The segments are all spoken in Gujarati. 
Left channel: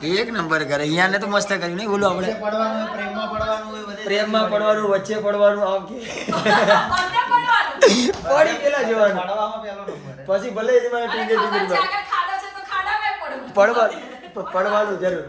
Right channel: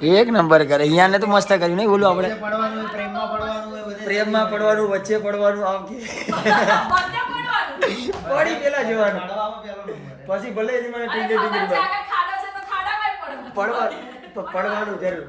એક નંબર કરે. અહીંયા ને તો મસ્ત કર્યું નહીં બોલું આપણે. પ્રેમમાં પડવાનું, વચ્ચે પડવાનું, આમ કે પડી પેલા જવાનું. પછી ભલે એની મને ટીંગે પડવાનું જરૂર.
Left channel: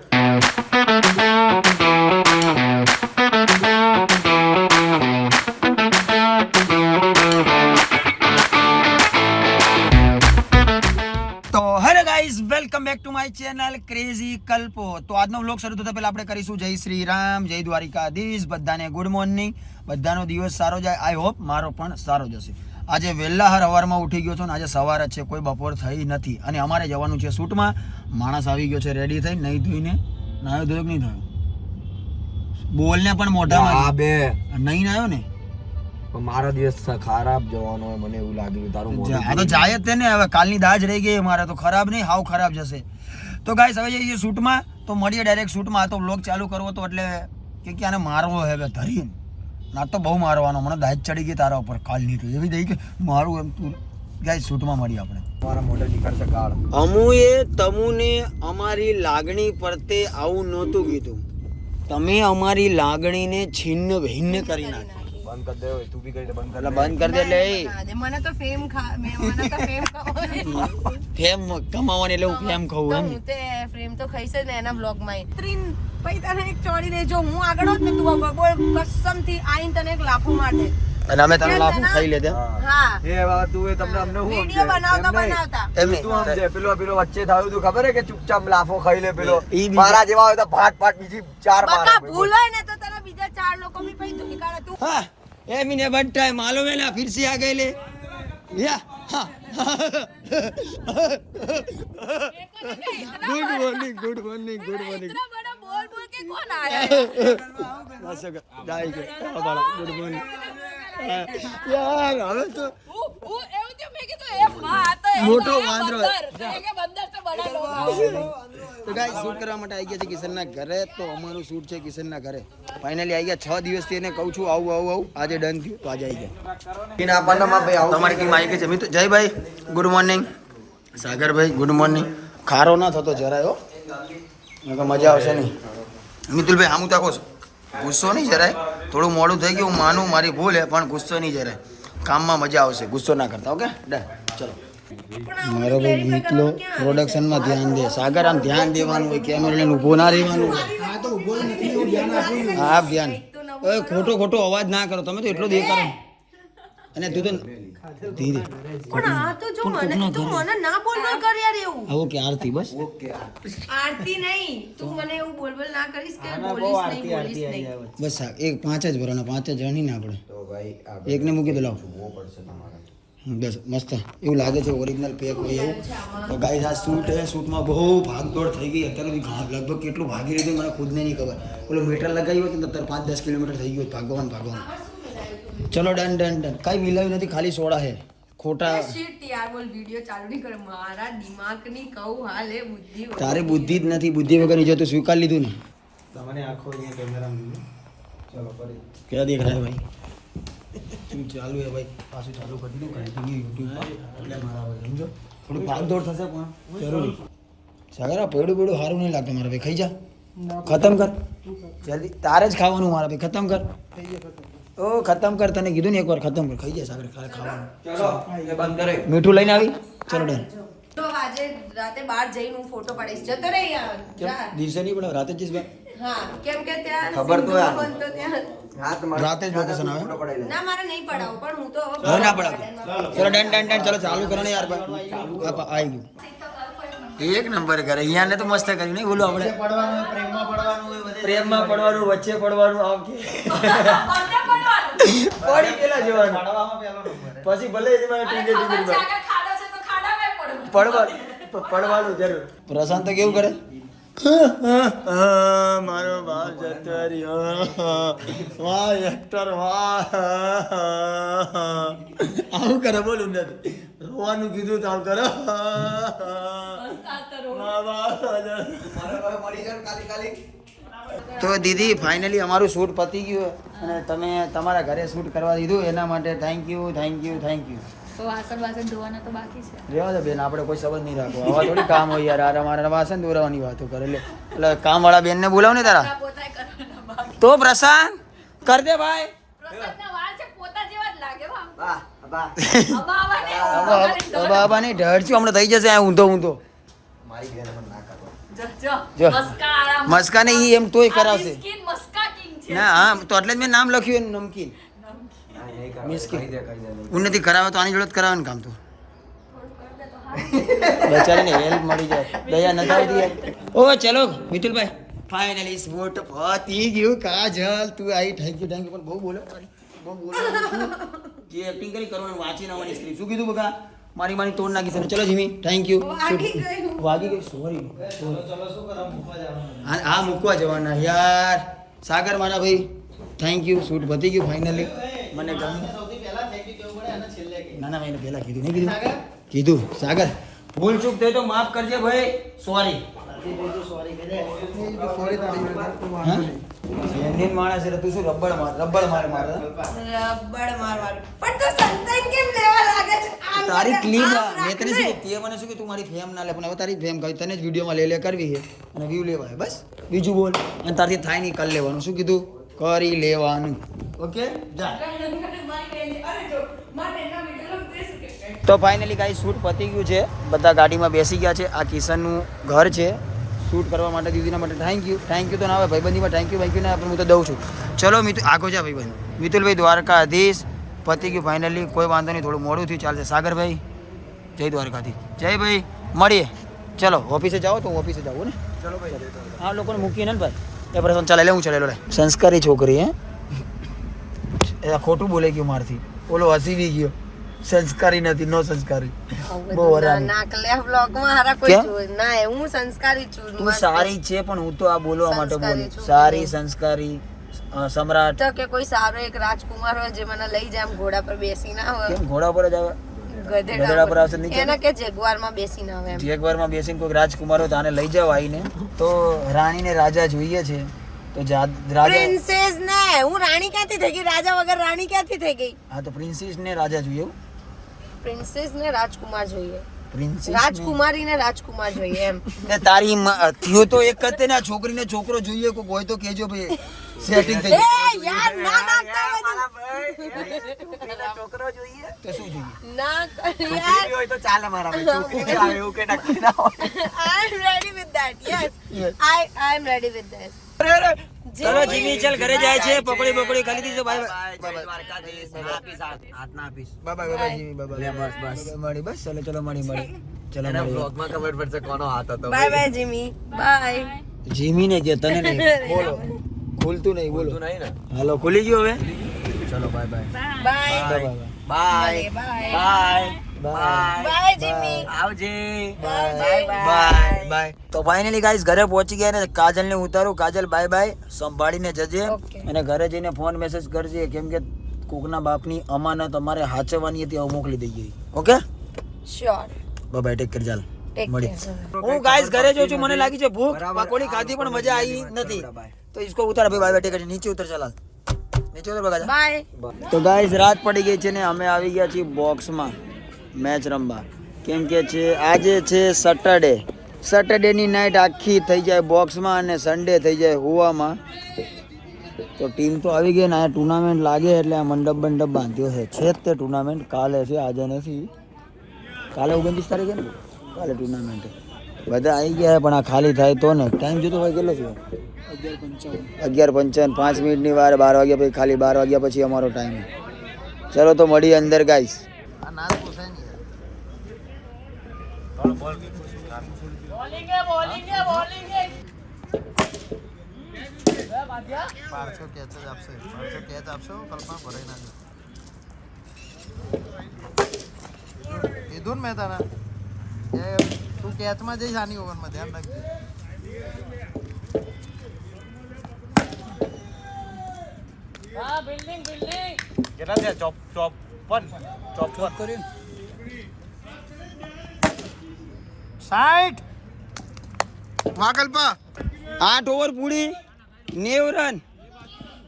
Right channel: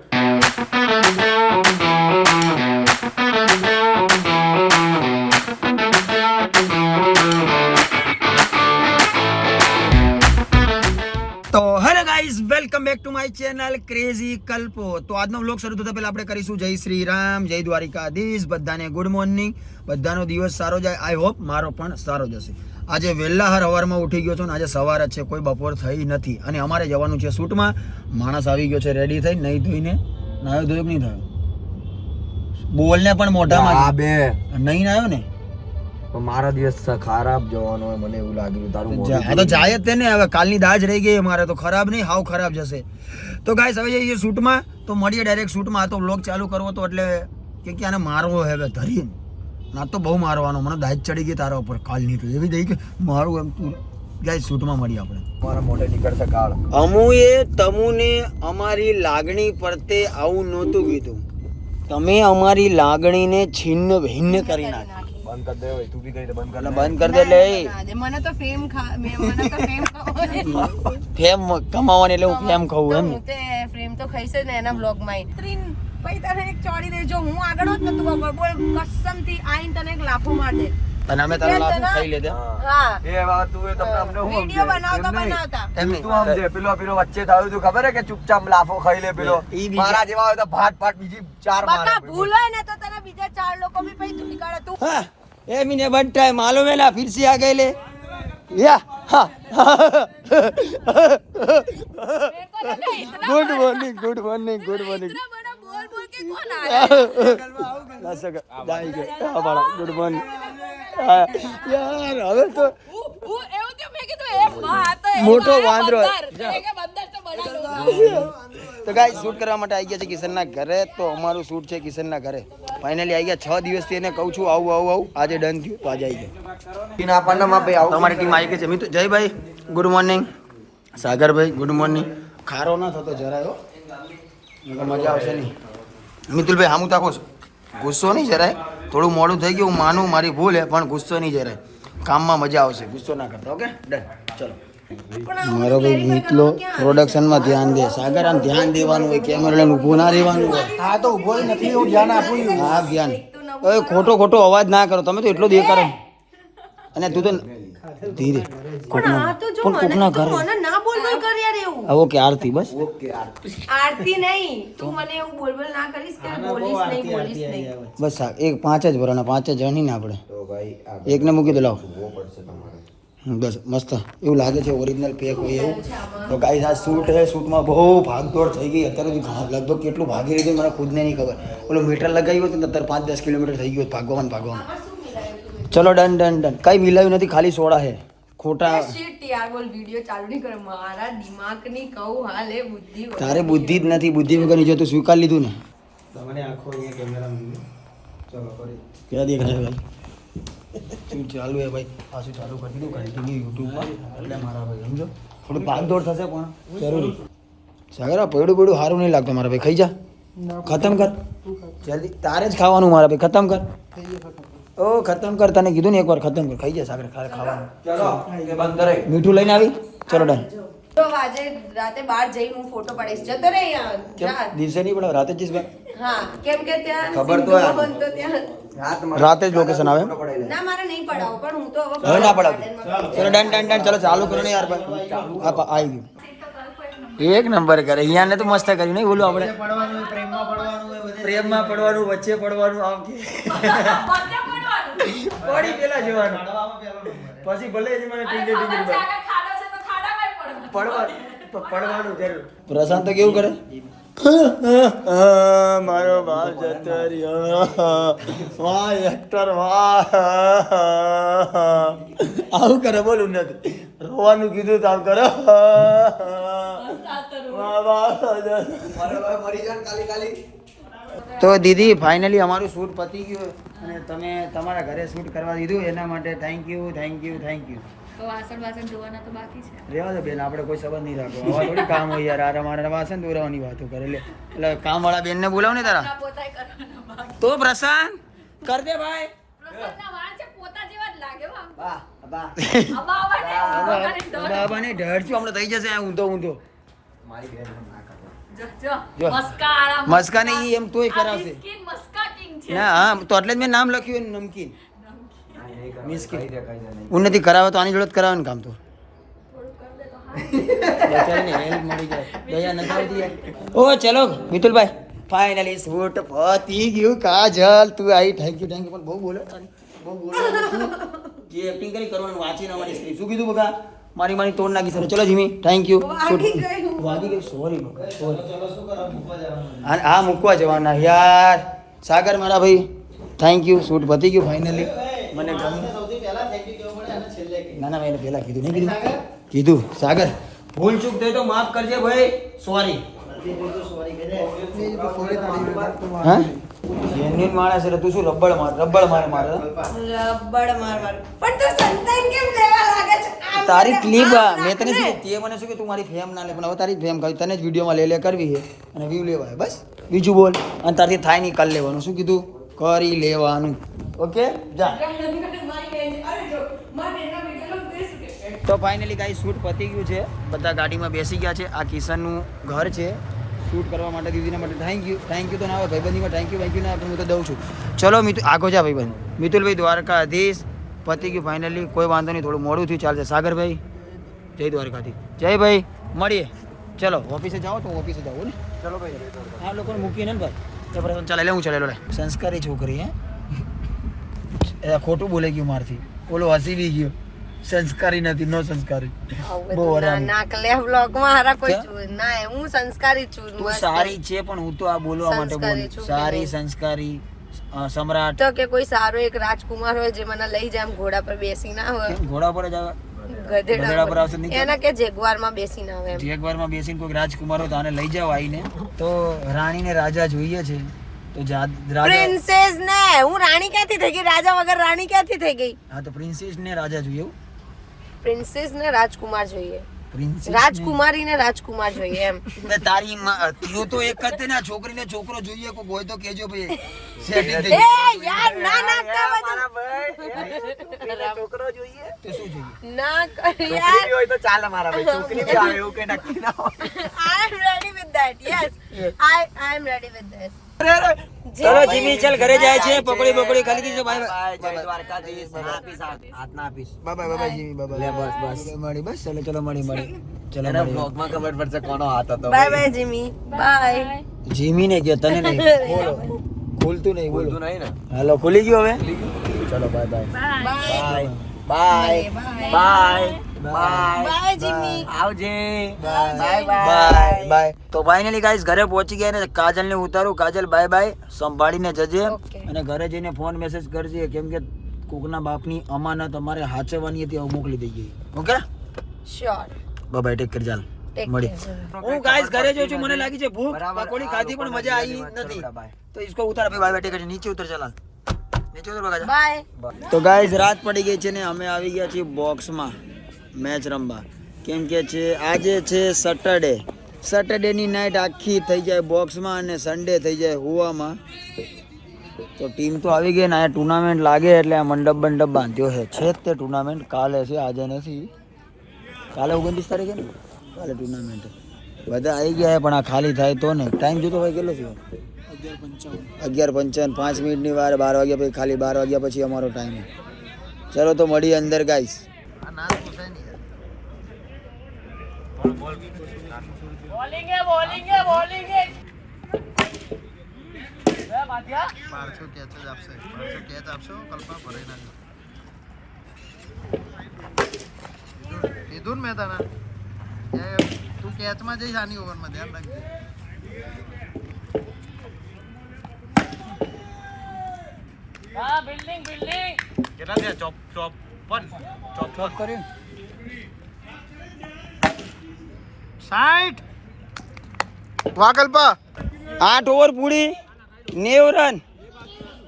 તો hello guys, welcome back to my channel crazy Kalpo. તો આજનો વ્લોગ શરૂ થતા પહેલા આપણે કરીશું જય શ્રી રામ, જય દ્વારિકાધીશ. બધાને ગુડ મોર્નિંગ. બધાનો દિવસ સારો જાય. આઈ હોપ મારો પણ સારો જશે. આજે વહેલા સવારમાં ઉઠી ગયો છું ને આજે સવાર જ છે, કોઈ બપોર થઈ નથી. અને અમારે જવાનું છે શૂટમાં. માણસ આવી ગયો છે રેડી થઈ, નહીં ધોઈને. નાયો ધોયો નહીં થયો, બોલને પણ મોઢામાં બે નહીં નાયો ને. મારા દિવસ ખરાબ જવાનો હોય મને એવું લાગ્યું. તારું હા તો જાય જ તેને. હવે કાલની દાજ રહી ગઈ મારે તો. ખરાબ નહીં, હાવ ખરાબ જશે. તો ગાઈસ હવે જઈએ શૂટમાં. તો મળીએ ડાયરેક્ટ શૂટમાં. આ તો વ્લોગ ચાલુ કરવો તો એટલે કે આને મારવો હવે ધરીને. ના તો બહુ મારવાનો. મને દાજ ચડી ગઈ તારા ઉપર કાલની. તો એવી થઈ કે મારું એમ તું. ગાઈસ શૂટમાં મળીએ આપણે. મારા મોઢે નીકળશે કાળ. અમુએ તમુને અમારી લાગણી પરતે આવું નહોતું કીધું. તમે અમારી લાગણીને છિન્ન ભિન્ન કરી નાખી. બંધ કર દે. તું બી કહી દે બંધ કર. બંધ કર દે. લે મને તો ફેમ ફેમ કમાવાની એટલે હું ફેમ ખાઉં એમ. તે ફેમ તો ખાઈશ ને એના બ્લોગ માં. ભાઈ તને એક ચોડી દે. જો હું આગળ હોત ને તું બોલ કસમથી આઈન તને એક લાફો માર દે. અને અમે તને લાફો ખાઈ લેતે. હા એ વાત તું એ તમને અમને હું વિડિયો બનાવતા એમ તું સમજે. પેલો વચ્ચે થયું તું ખબર હે કે ચૂપચાપ લાફો ખાઈ લે. પેલો મારા જેવા હોય તો ભાટ બીજી ચાર બકા ભૂલ હોય ને તો તને બીજા ચાર લોકો બી પછી તું નીકાળે તું. हाँ ये मैंने बनता है मालूम है ना. फिर से आ गए ले या हाँ. Good morning good morning good morning. इतना बड़ा बोल बोल के कौन आया? जाएंगे गुड मॉर्निंग यार. હવે તો એવું તો મેં કીધું એ માં તો મોટો વાંદરો. કે બંદર તો બડા લોકો. તો ગાઈસ શૂટ કરવા માટે આવી ગયા છે કિશનના ઘરે. તો અમારું શૂટ છે કિશનના ઘરે. ફાઇનલી આવી ગયા. 6 દિવસથી એને કહું છું આવું. આજે ડન થયું તો આજે આવી ગયા. તમારી ટીમ આવી ગઈ છે. મિત્ર જયભાઈ ગુડ મોર્નિંગ. સાગરભાઈ ગુડ મોર્નિંગ. ખારો ના થતો જરાય હો, મજા આવશે નહીં. મિતુલભાઈ હામું તાકો છો. ગુસ્સો નહીં જરાય. થોડું મોડું થઈ ગયું, હું માનું મારી ભૂલ હે, પણ ગુસ્સો નહીં જરાય. કામમાં મજા આવશે, ગુસ્સો ના કરતા. Okay done. ચલો મારો ભાઈ મિતલો પ્રોડક્શનમાં ધ્યાન દે. સાગર આમ ધ્યાન દેવાનું હોય. કેમેરા લઈને ઊભો ના રહેવાનું હોય. હા તો ઉભો નથી, હું ધ્યાન આપું. હા ધ્યાન. ઓય ખોટો અવાજ ના કરો તમે તો. એટલો દે કરો. અને તું તો ધીરે. પણ આ તો જો મને ના બોલ બોલ કર યાર એવું. ઓકે આરતી બસ. આરતી નહીં, તું મને એવું બોલ બોલ ના કરીશ કે બોલીશ નહીં. બસ એક 5 જ ભરાના 5 જણ નહીં ને આપણે. એકને મૂકી દો. લાવ બસ મસ્ત એવું લાગે છે. ઓરિજિનલ પેક હોય એવું. તો ગાઈસ આ શૂટ હે. શૂટમાં બહુ ભાગદોડ થઈ ગઈ. અત્યારે લગભગ કેટલું ભાગી રહ્યું મને ખુદને નહીં ખબર. ઓલો મીટર લગાવ્યું હતું ને અત્યારે 5-10 કિલોમીટર થઈ ગયું. ભાગવાનું. ચલો ડન. કઈ મિલાવ્યું નથી, ખાલી સોડા હે. ખોટા શિટ યાર બોલ. વિડિયો ચાલુ નહીં કરે. મારા દિમાગની કહું હાલ એ બુદ્ધિ. તારે બુદ્ધિ જ નથી. બુદ્ધિ વગરની જો તું સ્વીકાર લીધું ને. તમને આખો અહીંયા કેમેરામાં ચલો ફરી ક્યાં દેખ રહ્યા ભાઈ? શું ચાલુ હે ભાઈ? પાછું ચાલુ કરી દીધું કન્ટિન્યુ યુટ્યુબમાં. એટલે મારા ભાઈ સમજો થોડું ભાગદોડ થશે પણ જરૂરી. સાગરા પડ્યું સારું નહીં લાગતું મારા ભાઈ. ખાઈ જા, ખતમ કર જલ્દી. તારે જ ખાવાનું મારા ભાઈ. ખતમ કર. ઓ ખતમ કર. તને કીધું ને એકવાર ખતમ કર. ખાઈ જા સાગર. ખાવાનું મીઠું લઈને આવી. ચલો ડન. તો આજે રાતે બહાર જઈને હું ફોટો પાડીશ. જતો રે યાર. કેમ દિવસે નહીં પડે રાતે જ જઈશ ભાઈ? હા કેમ કે ત્યાં ખબર તો હે. બનતો ત્યાં રાતે જ લોકેશન આવે. ના મારે નહીં પડાવો પણ હું તો હવે ના પડાવતું. ચલો ડન. ચલો ચાલુ કરો ને યાર ભાઈ. આવી ગયું. એક નંબર કરે. અહીંયા ને તો મસ્ત કર્યું નહીં બોલું આપણે. પ્રેમમાં પડવાનું, વચ્ચે પડવાનું, આમ કે પડી પેલા જવાનું. પછી ભલે એની મને ટીંગે પડવાનું જરૂર. પ્રશાંત તો કેવું કરે? મારો બાપ જતો રહ્યો. વાહ એક્ટર વાહ. આવું કરે બોલું નથી. રોવાનું કીધું તો આમ કરો. તો દીદી ફાઇનલી અમારું શૂટ પતી ગયું અને તમે તમારા ઘરે શૂટ કરવા દીધું એના માટે થેન્ક યુ. તો વાસણ વાસણ ધોવાના તો બાકી છે. રેવા દે બેન, આપણે કોઈ સંબંધ નહીં રાખો. આવા થોડી કામ હોય યાર. આ મારા વાસણ ધોરાવાની વાતો કરે. એટલે કામવાળા બેનને બોલાવ ને તારા. પોતાય કરવાના બાકી. તો પ્રશાંત કર દે ભાઈ. પ્રસાદના વાળ છે પોતા જેવા જ લાગે હો આમ. બા બા બાબા નહીં ઢળ છું હમણાં થઈ જશે આ ઊંધો ઊંધો. મારી બેન મને ના કરો. જો જો. મસ્કા આરામ. મસ્કા ને ઈ એમ તોય કરાવશે. સ્કિન મસ્કા કિંગ છે. ના હા તો એટલે જ મેં નામ લખ્યું એનું નમકીન. ના, નહીં કરો. મિસ ખાઈ દે, ખાઈ દે. ઉન્નતિ કરાવે તો આની જોડે જ કરાવે ને કામ તો. થોડું કર દે તો હારું. બેચારીને હેલ્પ મળી જાય. દયા નથી આવતી યાર. ઓ ચલો મિતુલભાઈ ફાઇનલી શૂટ પતી ગયું. કાજલ તું આવી થેન્ક યુ પણ બહુ બોલો તારી બહુ બોલો. જે એક્ટિંગ કરી કરવાનું વાંચી ના મારી સ્ક્રિપ્ટ શું કીધું બકા મારી મારી તોડ નાખી છે ને. ચલો જીમી થેન્ક યુ. વાગી ગઈ સોરી બકા સોરી. હા મૂકવા જવાના યાર. સાગર મારા ભાઈ થેન્ક યુ. શૂટ પતી ગયું ફાઇનલી. મને ગમ્યું. ના ના મેં પહેલા કીધું નહીં કીધું સાગર ભૂલ ચૂક થઈ તો માફ કરજે ભાઈ. સોરી. જેન્યુઇન માણસ એટલે તું શું રબડ માર રબડ માર પણ તો સંતાન કેમ લેવા લાગે છે? તારી ક્લિપ મેં તને શું કીધું? તે મને શું કે તું મારી ફેમ ના લે પણ હવે તારી ફેમ કરી તને જ વિડીયોમાં લે કરવી છે અને વ્યૂ લેવા છે બસ. બીજું બોલ. અને તારથી થાય નહીં કરી લેવાનું. શું કીધું? કરી લેવાનું. ઓકે જા. તો ફાઇનલી ગાઈસ શૂટ પતી ગયું છે. બધા ગાડીમાં બેસી ગયા છે. આ કિશનનું ઘર છે. શૂટ કરવા માટે દીદીના માટે થેન્ક યુ તો ના આવે ભાઈબંધીમાં થેન્ક યુ ને આપણે હું તો દઉં છું. ચલો મિતુલ આગો જા ભાઈબંધ. મિતુલભાઈ દ્વારકાધીશ પતી ગયું ફાઇનલી. કોઈ વાંધો નહીં થોડું મોડું થયું ચાલશે. સાગરભાઈ જય દ્વારકાધીશ. જય ભાઈ મળીએ. ચલો ઓફિસે જાઓ તો ઓફિસે જાઓ ને. ચલો ભાઈ. હા લોકોને મૂકીને ને ભાઈ એ પ્રસંગ ચાલે લે હું ચલેલો લે. સંસ્કારી છોકરી હે એ ખોટું બોલે ગયું મારથી. ઓલો હસી બી ગયો. સંસ્કારી નથી નો સંસ્કારી. બહુ હરામી. નાકલે વ્લોગમાં હારા કોઈ કેમ? જોઈ ના હું સંસ્કારી છું. તું સારી છે પણ હું તો આ બોલવા માટે બોલું. સંસ્કારી છું. સારી સંસ્કારી સમ્રાટ. તો કે કોઈ સારો એક રાજકુમાર હોય જે મને લઈ જાય એમ ઘોડા પર બેસી ના હોય. કેમ ઘોડા પર જ આવે? ગધેડા પર આવશે નીચે. એને કે જેગવારમાં બેસી ના હોય એમ. જેગવારમાં બેસીને કોઈ રાજકુમાર હોય તો આને લઈ જાઓ આવીને. તો રાણીને રાજા જોઈએ છે તો રાજા. પ્રિન્સેસ ને હું રાણી ક્યાંથી થઈ ગઈ? રાજા વગર રાણી ક્યાંથી થઈ ગઈ? હા તો પ્રિન્સેસ ને રાજા જોઈએ. પ્રિન્સેસ ને રાજકુમાર જોઈએ. પ્રિન્સેસ રાજકુમારી ને રાજકુમાર જોઈએ એમ. તારી થયું તો એક જ તે ને છોકરીને છોકરો જોઈએ કોઈ હોય તો કેજો ભાઈ સેટિંગ થઈ એ યાર ના ના છોકરો જોઈએ તો શું જોઈએ? ના કર છોકરી બી હોય તો ચાલે મારા ભાઈ. છોકરી બી આવે એવું કઈ નક્કી ના હોય. I am ready with that. Yes. I am ready with this. ચલો જીમી ચાલ ઘરે જાય છે. પકોડી બકોડી ખાલી દીધો. બાય જય દ્વારકાધીશ. ના આપીશ, હાથ ના આપીશ. બાય બાય જીમી બાય લે, બસ. મળી બસ ચલો મળી ચલો એના મળી. બ્લોગમાં ખબર પડશે કોનો હાથ હતો. Bye bye Jimmy. Bye. Jimmy ને કે તને નહીં બોલો ખુલતું નહીં બોલો. બોલતું નહીં ને. હાલો ખુલી ગયો હવે. ચલો bye bye. Bye. Bye bye bye. Bye Jimmy. આવજે. બાય તો ફાઇનલી ગાઈસ ઘરે પહોંચી ગયા ને કાજલ ને ઉતારું. કાજલ બાય બાય સંભાળીને જજે Okay. અને ઘરે જઈને ફોન મેસેજ કરજે કેમ કે કોકના બાપની અમાનત અમારે હાચવવાની હતી હવે મોકલી દઈએ. Okay Sure. Bye take care ચાલ Take મળી. care. હું ગાઈસ ઘરે જોઉં છું મને લાગી છે ભૂખ. બરાબર. પકોડી ખાધી પણ મજા આવી નથી તો इसको ઉતાર ભાઈ બાય ટેક નીચે ઉતર ચાલ નીચે ઉતર બગા Bye. તો ગાઈઝ રાત પડી ગઈ છે ને અમે આવી ગયા છીએ બોક્સમાં મેચ રમવા કેમ કે છે આજે છે સેટરડેની નાઇટ આખી થઈ જાય બોક્સમાં અને સન્ડે થઈ જાય હુવામાં. તો ટીમ તો આવી ગઈ ને આ ટુર્નામેન્ટ લાગે એટલે આ મંડપ બાંધ્યો છે જ તે ટુર્નામેન્ટ કાલે છે આજે નથી. કાલે 29 તારીખે ને કાલે ટુર્નામેન્ટ બધા આવી ગયા પણ આ ખાલી થાય તો ને. ટાઈમ જોતો ભાઈ કેટલો થયો? 11:55 5 મિનિટની વાર 12 વાગ્યા પછી ખાલી 12 વાગ્યા પછી અમારો ટાઈમ. ચલો તો મળીએ અંદર ગાઈસ. કીધું ને મેં તને તું કેચમાં જઈશ આની ઓવરમાં ધ્યાન રાખજે. કેટલા થયા? ચોપન કર્યું 60. વાકલ્પા 8 ઓવર પૂરી 90 રન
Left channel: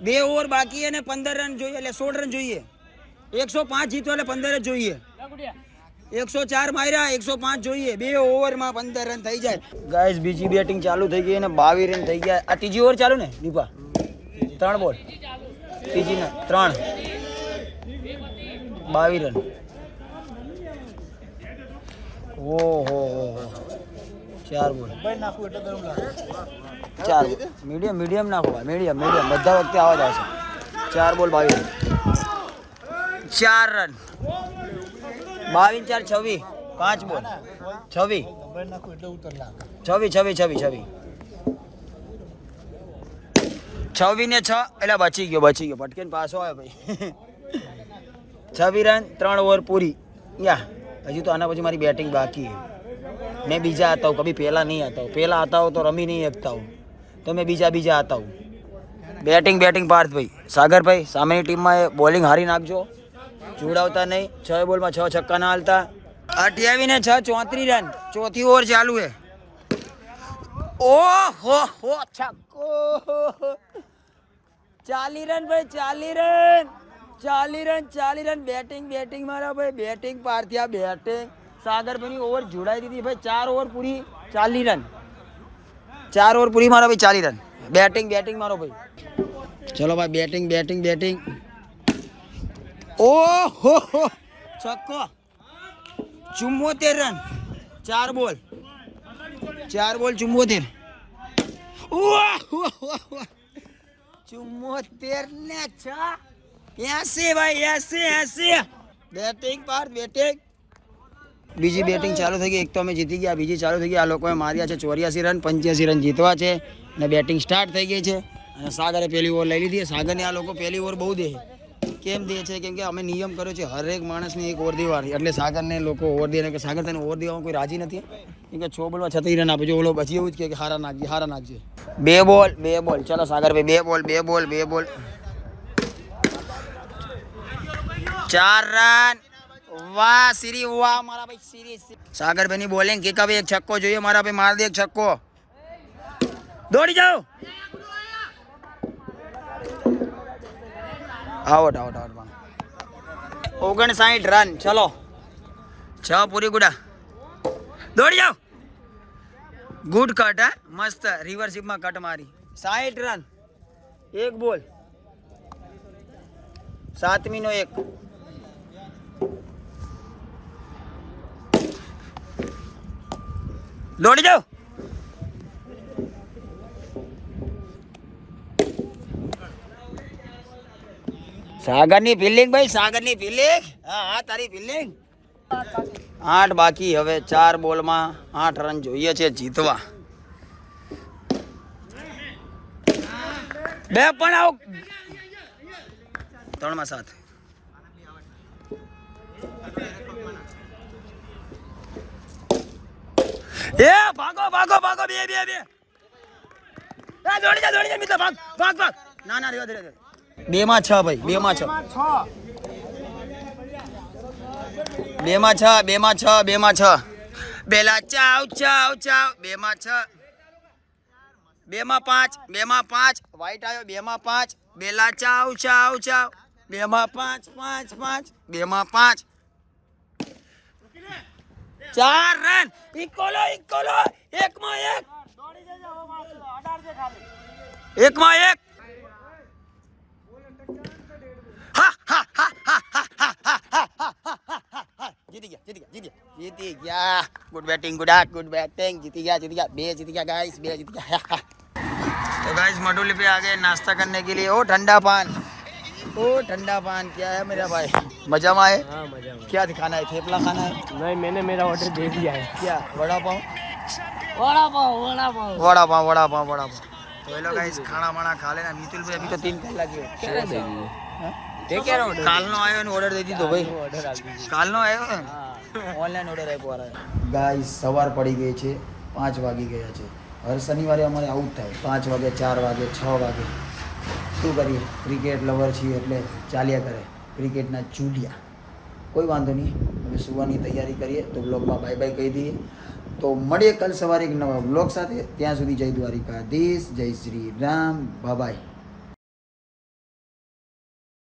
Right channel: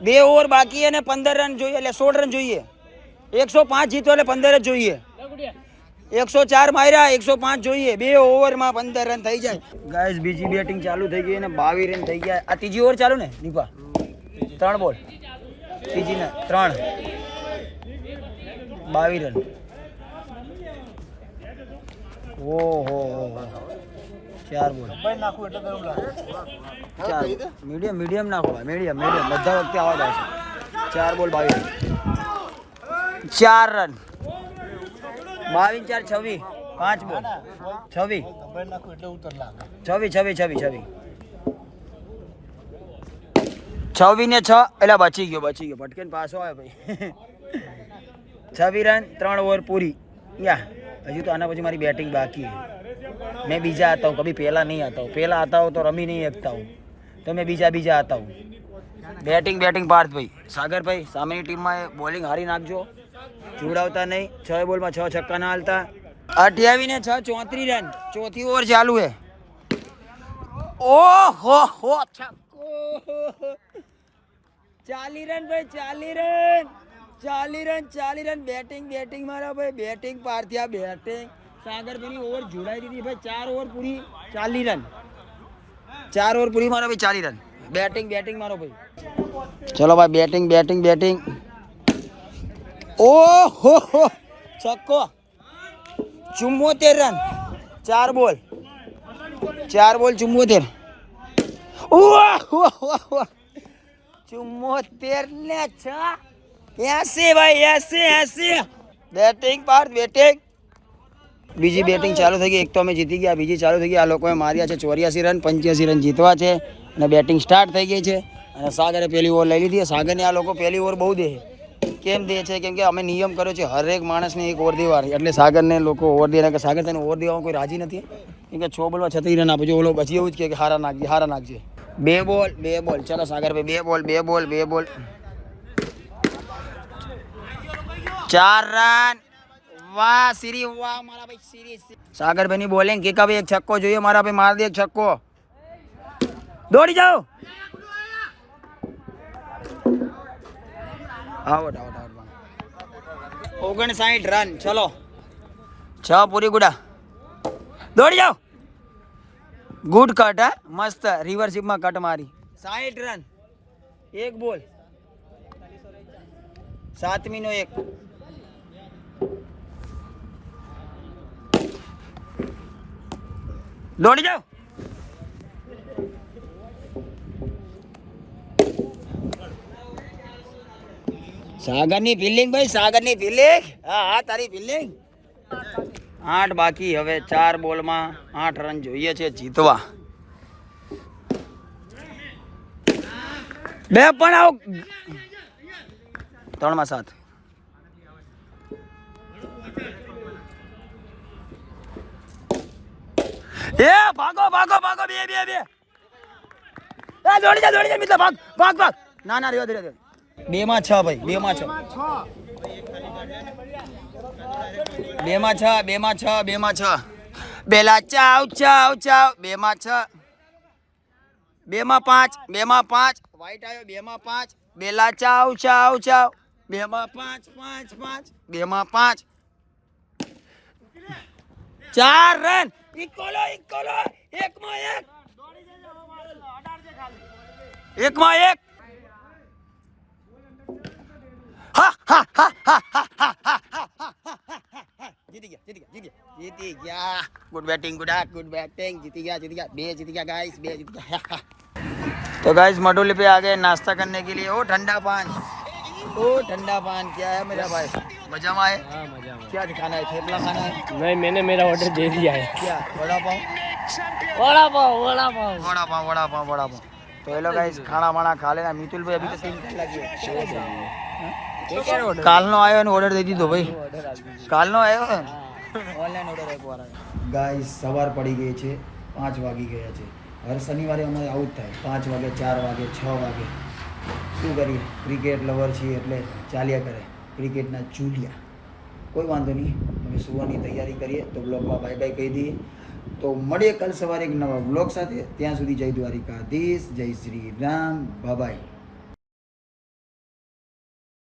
2 ઓવર બાકી અને 15 રન જોઈએ એટલે 16 રન જોઈએ. 105 જીતો એટલે 15 જ જોઈએ. 104 માર્યા, 105 જોઈએ. 2 ઓવરમાં 15 રન થઈ જાય. ગાઈસ બીજી બેટિંગ ચાલુ થઈ ગઈ અને 22 રન થઈ ગયા. આ ત્રીજી ઓવર ચાલુ ને દીપા? 3 બોલ. ત્રીજી ને 3. 22 રન. ઓહો 4 બોલ. 4 બોલ. મીડિયમ નાખો ભાઈ, મીડિયમ બધા વખતે આવા જ આવશે. 4 બોલ 22 રન. 4 રન. 22 4 26. 5 બોલ. 26 ને 6. એટલે બચી ગયો પટકેન પાછો આવ્યો ભાઈ. 26 રન 3 ઓવર પૂરી. યા હજી તો આના પછી મારી બેટિંગ બાકી है. मैं बीजा आता हूँ, कभी पहला नहीं आता हूँ. पहला आता हूँ तो रमी नहीं सकता हूँ, तो मैं बीजा आता हूँ. બેટિંગ પાર્થ ભાઈ. સાગર ભાઈ સામેની ટીમમાં બોલિંગ હારી નાખજો, જોડાવતા નહીં. 6 બોલમાં 6 છક્કા ના હાલતા. 28 ને 6 34 રન. ચોથી ઓવર ચાલુ है. ઓહો છક્કો. 40 રન ભાઈ, 40 રન. બેટિંગ મારા ભાઈ, બેટિંગ પાર્થિયા બેટિંગ. સાગર ભાઈની ઓવર જોડાઈ દીધી ભાઈ. 4 ઓવર પૂરી 40 રન. 4 ઓવર પૂરી મારા ભાઈ 40 રન. બેટિંગ મારો ભાઈ. ચલો ભાઈ બેટિંગ. ઓહો છક્કો. 74 રન. 4 બોલ 74. ઓહો 74 ને 6. 80 ભાઈ 80. Batting Parth batting. બીજી બેટિંગ ચાલુ થઈ ગઈ. એક તો અમે જીતી ગયા, બીજી ચાલુ થઈ ગઈ. આ લોકોએ માર્યા છે 84 રન. 85 રન જીતવા છે અને બેટિંગ સ્ટાર્ટ થઈ ગઈ છે. અને સાગરે પહેલી ઓવર લઈ લીધી. સાગરને આ લોકો પહેલી ઓવર બહુ દે. કેમ દે છે? કેમ કે અમે નિયમ કર્યો છે હરેક માણસને 1 ઓવર દેવાની. એટલે સાગરને લોકો ઓવર દે કે સાગર તને ઓવર દેવામાં કોઈ રાજી નથી. કેમ કે 6 બોલમાં 36 રન આપે છે. ઓલો પછી એવું જ કે હારા નાખજે. 2 બોલ. ચલો સાગર ભાઈ 2 બોલ. 4 રન. વાહ સિરી, વાહ મારા ભાઈ સિરી. સાગર ભાઈની બોલિંગ. કે ભાઈ એક છક્કો જોઈએ મારા ભાઈ. માર દે એક છક્કો. દોડી જાઓ. આઉટ. 59 રન. ચલો 6 પૂરી ગુડા. દોડી જાઓ. Good cut. હા મસ્ત રિવર્સિપમાં કટ મારી. 60 રન. 1 બોલ. 7મી નો 1. દોડી જાઓ. સાગરની ફિલ્ડિંગ ભાઈ, સાગરની ફિલ્ડિંગ. હા તારી ફિલ્ડિંગ. 8 બાકી. હવે 4 બોલમાં 8 રન જોઈએ છે જીતવા. 2 પણ આવ. 3 માં 7. એ ભાગો 2 દોડી જા મિત્ર. ભાગ. ના રેવા. 2 માં 6 ભાઈ. 2 માં 6. બેલા ચાવ. 2 માં 6. 2 માં 5. વાઈટ આવ્યો. 2 માં 5. બેલા ચાવ. 2 માં 5. 2 માં 5. 4 રન. ઇકોલો. 1 માં 1. 1 માં 1. જીતી ગયા. Good batting. जीती गया. 2 जीती गया गाइस. 2 जीत गया. तो गाइस मटोली पे आ गए नाश्ता करने के लिए. ओ ठंडा पान क्या है मेरा भाई? मजा में आए? हाँ मजा में. क्या दिखाना है? थेपला खाना है? नहीं, मैंने मेरा ऑर्डर दे दिया है. क्या? वड़ा पाव. तो ये लोग गाइस खाना वाना खा लेना. मितुल भाई अभी तो 3 कलाक लगी કાલનો આવ્યો ને ઓર્ડર દઈ દીધો ભાઈ. કાલનો આવ્યો ઓનલાઈન ઓર્ડર આપ્યો. ગાઈસ સવાર પડી ગઈ છે. 5 વાગી ગયા છે. હર શનિવારે અમારે આવું જ થાય. 5 વાગે, 4 વાગે, 6 વાગે. શું કરીએ? ક્રિકેટ લવર છીએ એટલે ચાલ્યા કરે ક્રિકેટના ચૂલિયા. કોઈ વાંધો નહીં. અમે સુવાની તૈયારી કરીએ. તો બ્લોગમાં બાય બાય કહી દઈએ. તો મળીએ કાલ સવારે એક નવા બ્લોગ સાથે. ત્યાં સુધી જય દ્વારિકાધીશ, જય શ્રી રામ, બાય.